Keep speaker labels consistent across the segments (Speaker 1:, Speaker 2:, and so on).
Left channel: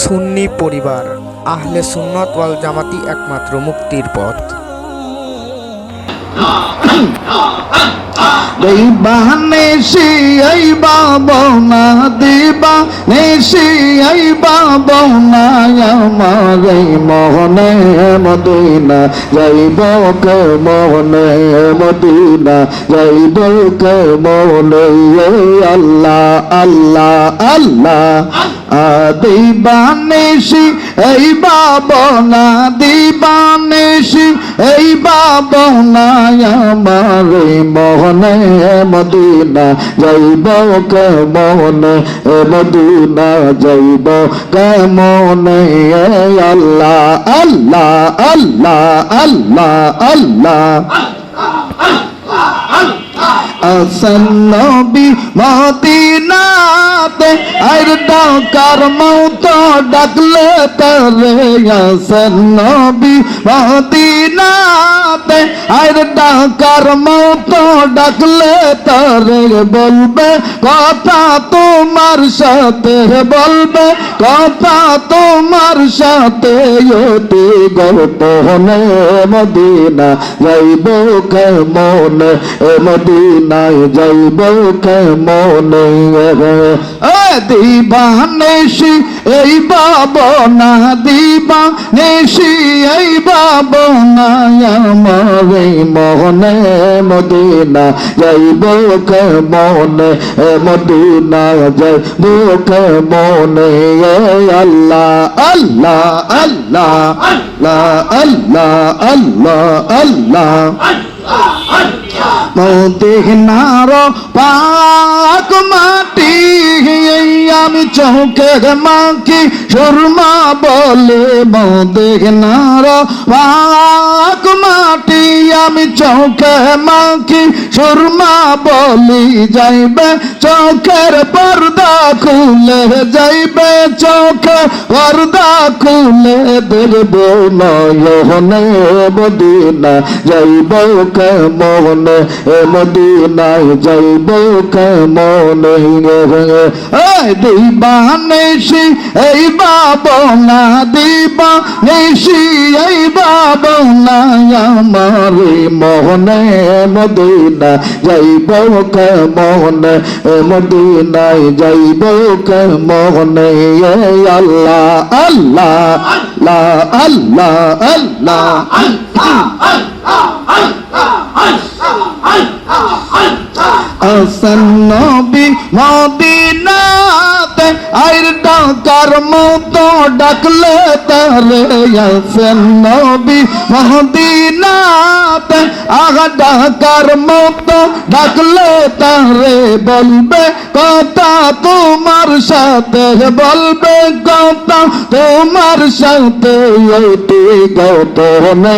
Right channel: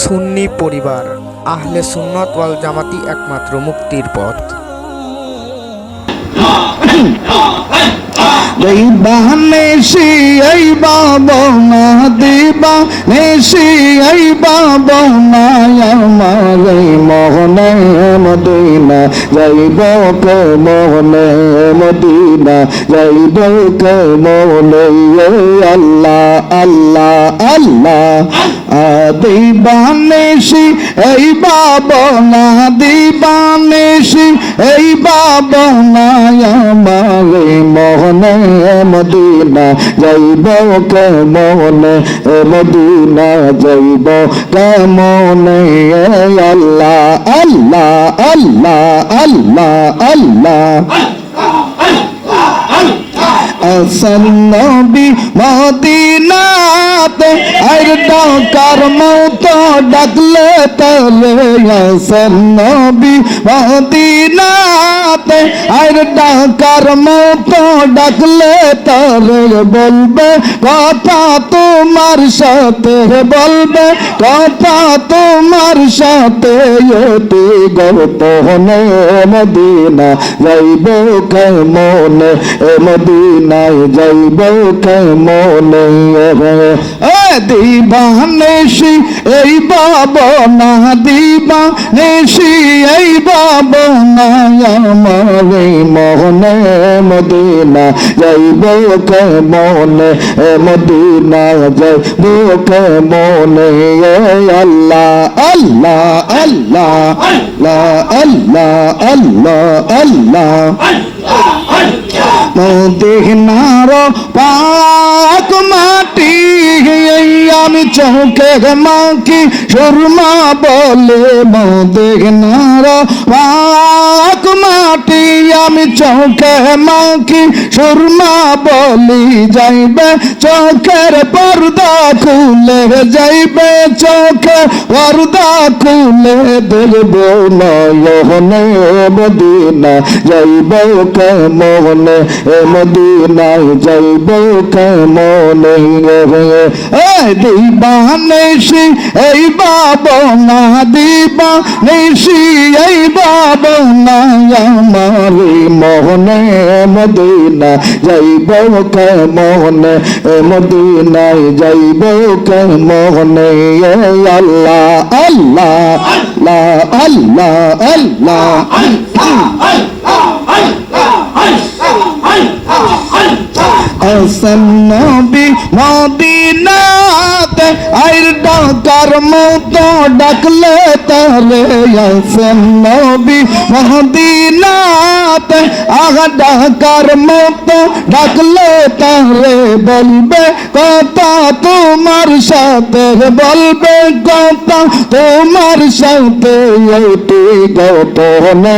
Speaker 1: সুন্নি পরিবার, আহলে সুন্নত ওয়াল জামাতি একমাত্র মুক্তির পথ।
Speaker 2: দৈবা নেশি, এই বাবা না দিবা, নেশি, এই বাবা না আমার মদিনা, যাইব কে মনে? মদিনা, যাইব কে মনে? আল্লাহ আল্লাহ আল্লাহ। আদি নেশি এই বাবনা নেশি এই বাবা না আমার মোহনে মদিনা যাইব কে মোহনে মদিনা যাইব কে মোহনে আল্লাহ আল্লাহ আল্লাহ আল্লাহ আল্লাহ। নবী মদিনাতে আর ডাকার মৌত ডাকলে তলে আসান মদিনাতে আর ডাকার মৌত ডাকলে তলে বলবে, কথা তোমার সাথে বলবে, কথা তোমার সাথে অতি গোপনে মদিনা, যাইব কে মনে এ মদিনায় যাইব কে মনে দিবা নেশি এই বাবনা দিবা নেশি, এই বাবনা আমার মনে মদিনা যাইব কে মনে এ মদিনা যাইব কে মনে আল্লাহ আল্লাহ আল্লাহ আল্লাহ আল্লাহ আল্লাহ। মদিনার পাক মাটি আমি চৌকে মাকি শর্মা বলে মদিনার পাক মাটি আমি চৌকে মাকি সুরমা বলি যাইবে চৌকের পর্দা খুলে যাইবে চৌকের পর্দা খুলে দেখব নয়নে মদিনা যাইব কেমনে এ মদিনায় যাইব কেমনে। দিবা নেশি এই বাবনা দিবা নেশি এই বাবনা আমার মোহনে মদিনা যাইব কে মনে এ মদিনায় যাইব কে মনে আল্লাহ আল্লাহ আল্লাহ আল্লাহ আল্লাহ আসান নবী মদিনাতে আইর ডাকার মতো ডাকলে তারে আসান নবী মদিনাতে আগা ডাকার মতো ডাকলে তারে বলবে কথা তোমার সাথে বলবে কথা তোমার সাথে এইটি গপনে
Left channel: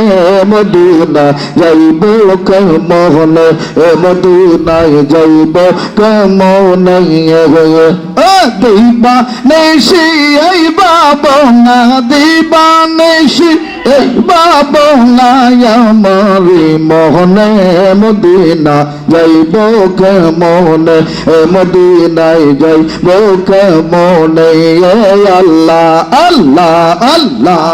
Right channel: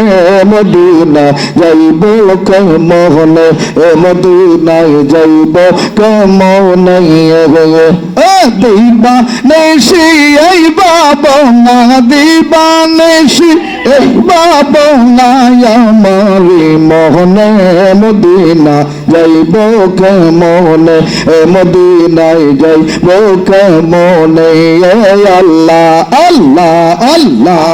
Speaker 2: মদিনা যাইব কে মোহনে এ মদিনায় যাইব কে মোহনে দিবা নেশি, এই বাবা না দিবা নেশি, এই বাবা না আমারি মোহনে, মদিনা যাইব কে মোহনে এ মদিনায় যাইব কে মোহনে আল্লাহ আল্লাহ আল্লাহ।